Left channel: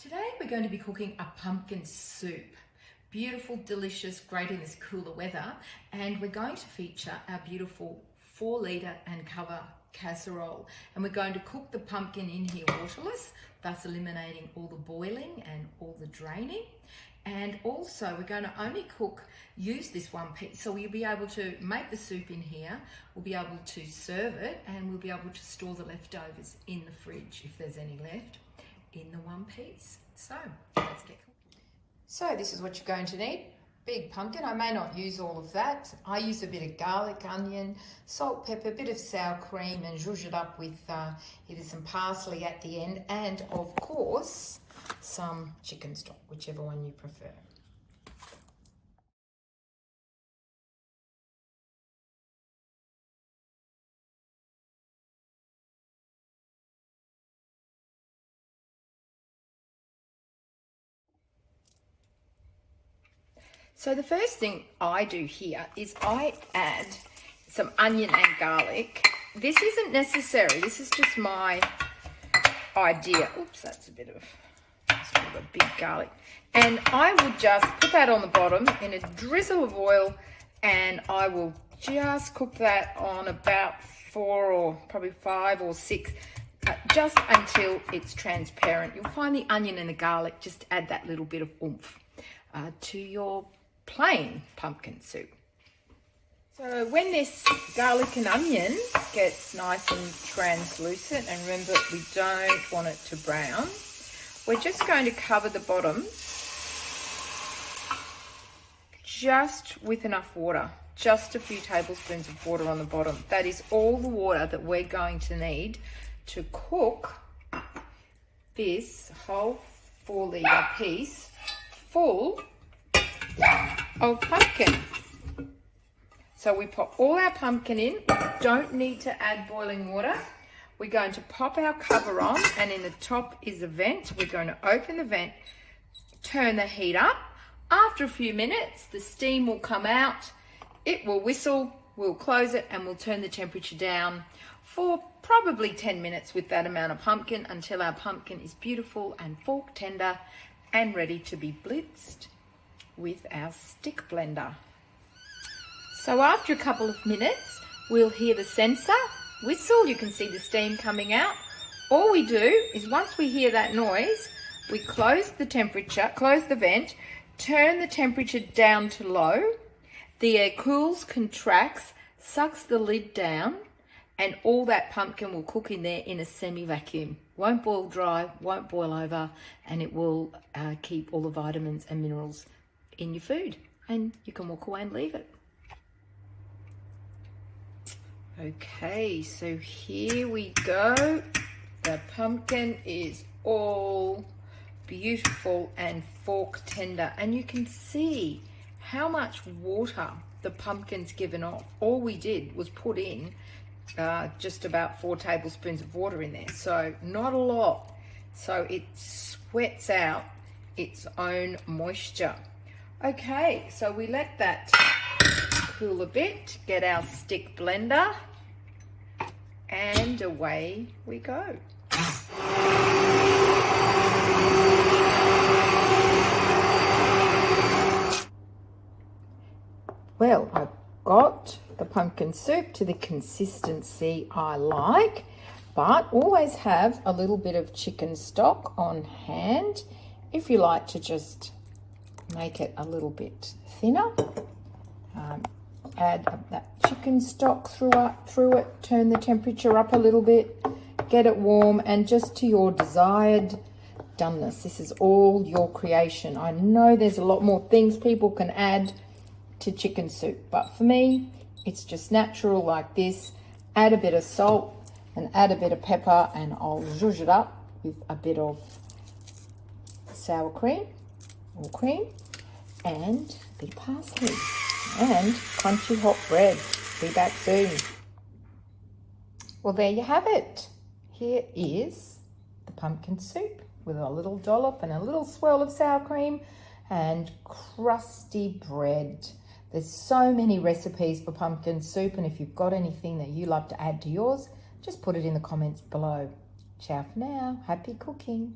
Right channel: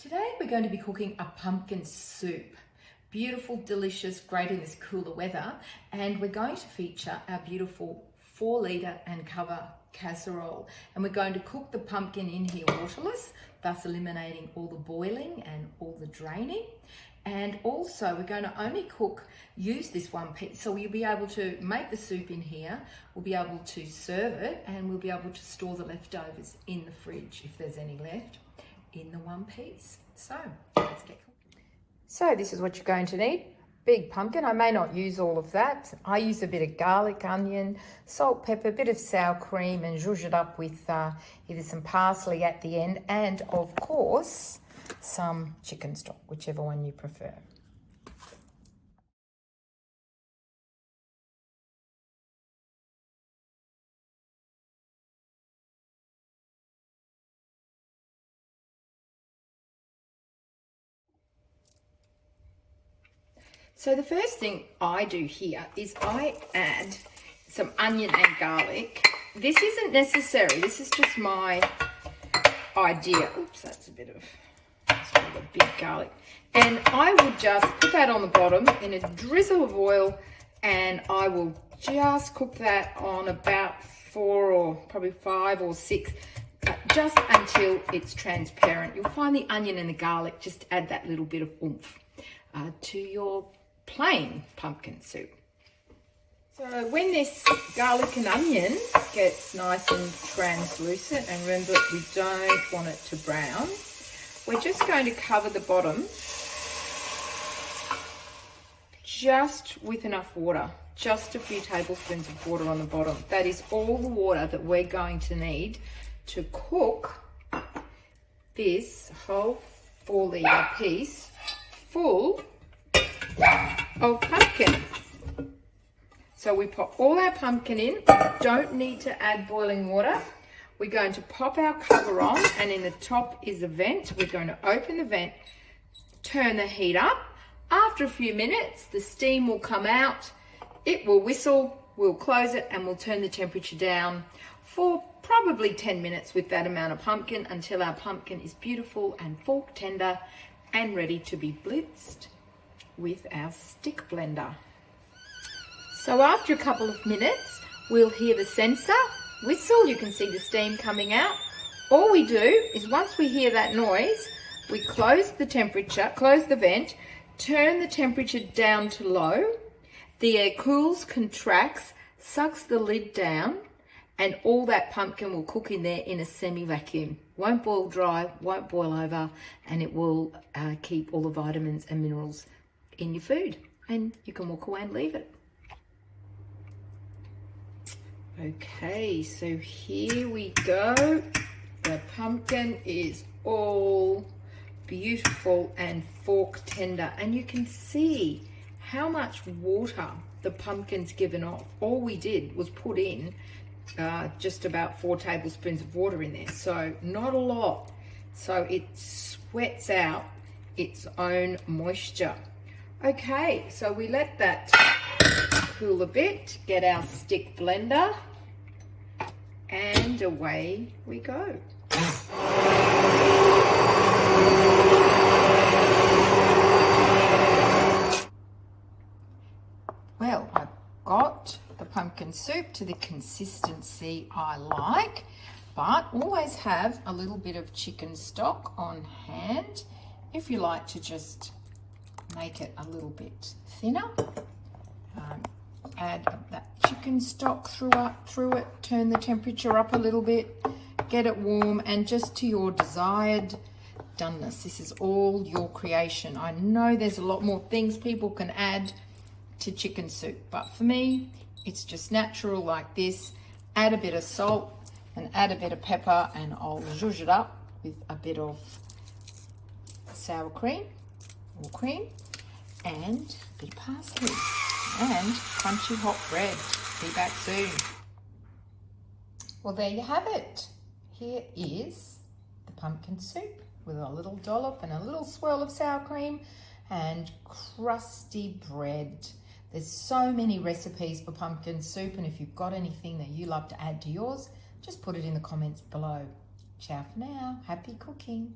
Today we're going to be cooking a pumpkin soup. Beautiful, delicious, great in this cooler weather. And we're going to feature our beautiful 4-litre and cover casserole. And we're going to cook the pumpkin in here waterless, thus eliminating all the boiling and all the draining. And also we're going to only use this one piece. So we'll be able to make the soup in here, we'll be able to serve it, and we'll be able to store the leftovers in the fridge if there's any left in the one piece. So let's get cooking. So this is what you're going to need. Big pumpkin. I may not use all of that. I use a bit of garlic, onion, salt, pepper, a bit of sour cream, and zhuzh it up with either some parsley at the end and of course some chicken stock, whichever one you prefer. So the first thing I do here is I add some onion and garlic. This isn't necessary, this is just my idea. Oops, that's a big garlic. And I would just put that on the bottom in a drizzle of oil, and I will just cook that on about 4 or probably 5 or 6, just until it's transparent. You'll find the onion and the garlic just add that little bit of oomph to your plain pumpkin soup. So when this garlic and onion gets nice and translucent, and remember we don't want it to brown, we're just going to cover the bottom just with enough water, just a few tablespoons of water on the bottom. That is all the water that we're going to need to cook this whole 4-litre piece full of pumpkin. So we pop all our pumpkin in. Don't need to add boiling water. We're going to pop our cover on, and in the top is a vent. We're going to open the vent, turn the heat up. After a few minutes, the steam will come out, it will whistle, we'll close it, and we'll turn the temperature down for probably 10 minutes with that amount of pumpkin, until our pumpkin is beautiful and fork tender and ready to be blitzed with our stick blender. So after a couple of minutes, we'll hear the sensor whistle. You can see the steam coming out. All we do is, once we hear that noise, we close the vent, turn the temperature down to low. The air cools, contracts, sucks the lid down, and all that pumpkin will cook in there in a semi-vacuum. Won't boil dry, won't boil over, and it will keep all the vitamins and minerals in your food, and you can walk away and leave it. Okay, so here we go. The pumpkin is all beautiful and fork tender, and you can see how much water the pumpkin's given off. All we did was put in just about 4 tablespoons of water in there, so not a lot. So it sweats out its own moisture. Okay, so we let that cool a bit, get our stick blender, and away we go. Well, I've got the pumpkin soup to the consistency I like, but always have a little bit of chicken stock on hand if you like to just make it a little bit thinner. Add that chicken stock through it, turn the temperature up a little bit, get it warm, and just to your desired doneness. This is all your creation. I know there's a lot more things people can add to chicken soup, but for me, it's just natural like this. Add a bit of salt and add a bit of pepper, and I'll zhuzh it up with a bit of sour cream or cream and a bit of parsley and crunchy hot bread. Be back soon. Well, there you have it. Here is the pumpkin soup with a little dollop and a little swirl of sour cream and crusty bread. There's so many recipes for pumpkin soup, and if you've got anything that you love to add to yours, just put it in the comments below. Ciao for now. Happy cooking.